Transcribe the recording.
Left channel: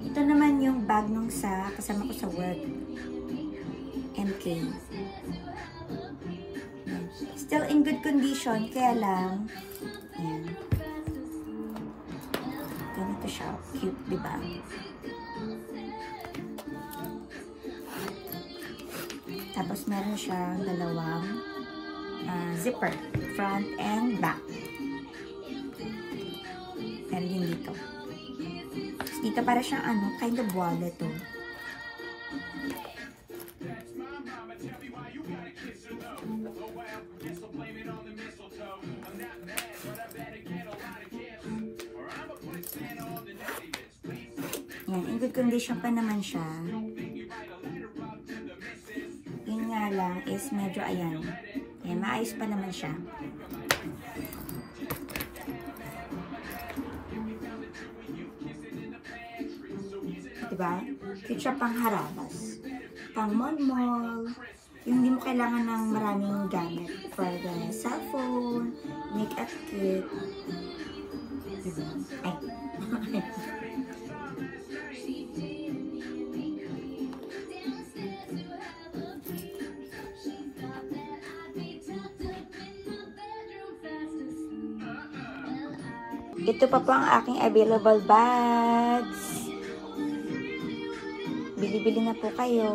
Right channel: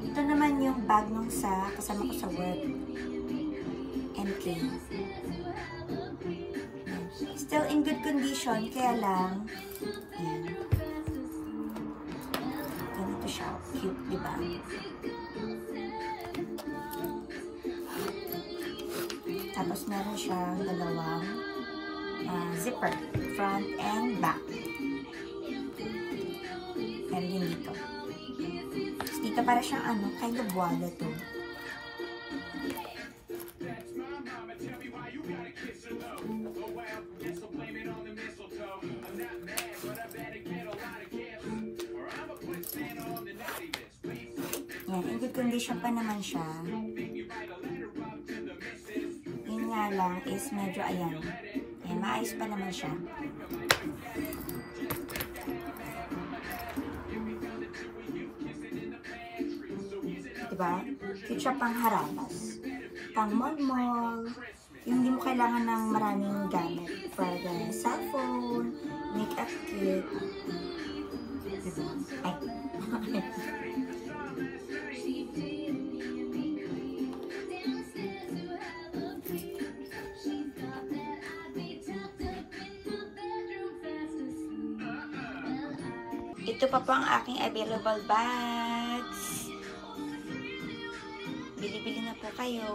Ito naman yung bag nung kasama ko sa work. MK. Still in good condition, kaya lang, yan. Ganito siya. Cute, diba? Tapos meron siyang dalawang zipper, front and back. Meron din dito. Tapos dito para siyang kind of wallet to. Yan, in good condition pa naman siya. Yun nga lang is medyo ayan. Ayan, maayos pa naman siya. Diba? Cute siya pang harabas. Pang mall-mall. Yung hindi mo kailangan ng maraming gamit. For the cellphone, makeup kit. Diba? Ay. Ito pa po ang aking available bags. Bili-bili na po kayo.